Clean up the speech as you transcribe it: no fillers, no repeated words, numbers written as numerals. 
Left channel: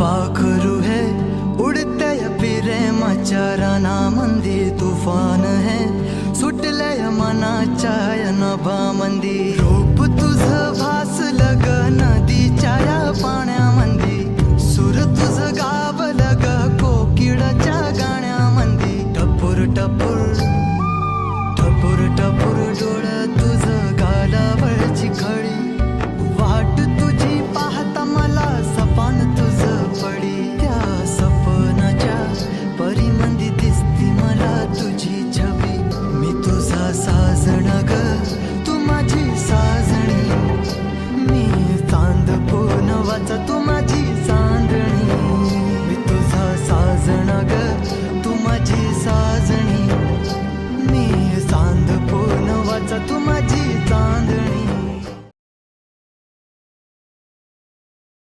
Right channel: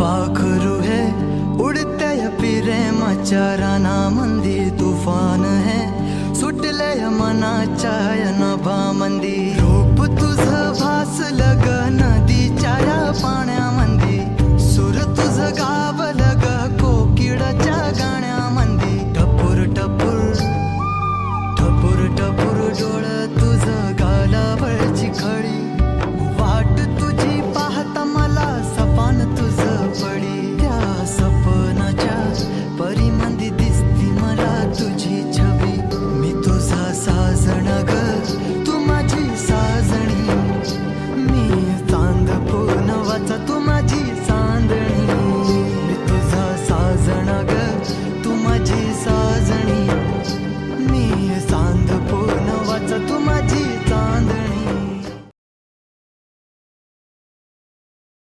पाखरू है उडते प्रेमाच्या रानामंदी तुफान है सुटले मनाच्या नभामंदी रूप तुझ भासलं ग नदीच्या या पाण्यामंदी सूर तुझ गावलं ग कोकिळाच्या गाण्यामंदी टपूर टपूर टपूर टपूर डोळं तुझ गालावरची खडी वाट तुझी पाहता मला सपान तुझ पडी त्या सपनाच्या परिमंदी दिसती मला तुझी छबी मी तुझा साजण ग तू माझी साजणी मी चांद पूनवाचा तू माझी चांदणी मी तुझा साजण ग तू माझी साजणी मी चांद पूनवाचा तू माझी चांदणी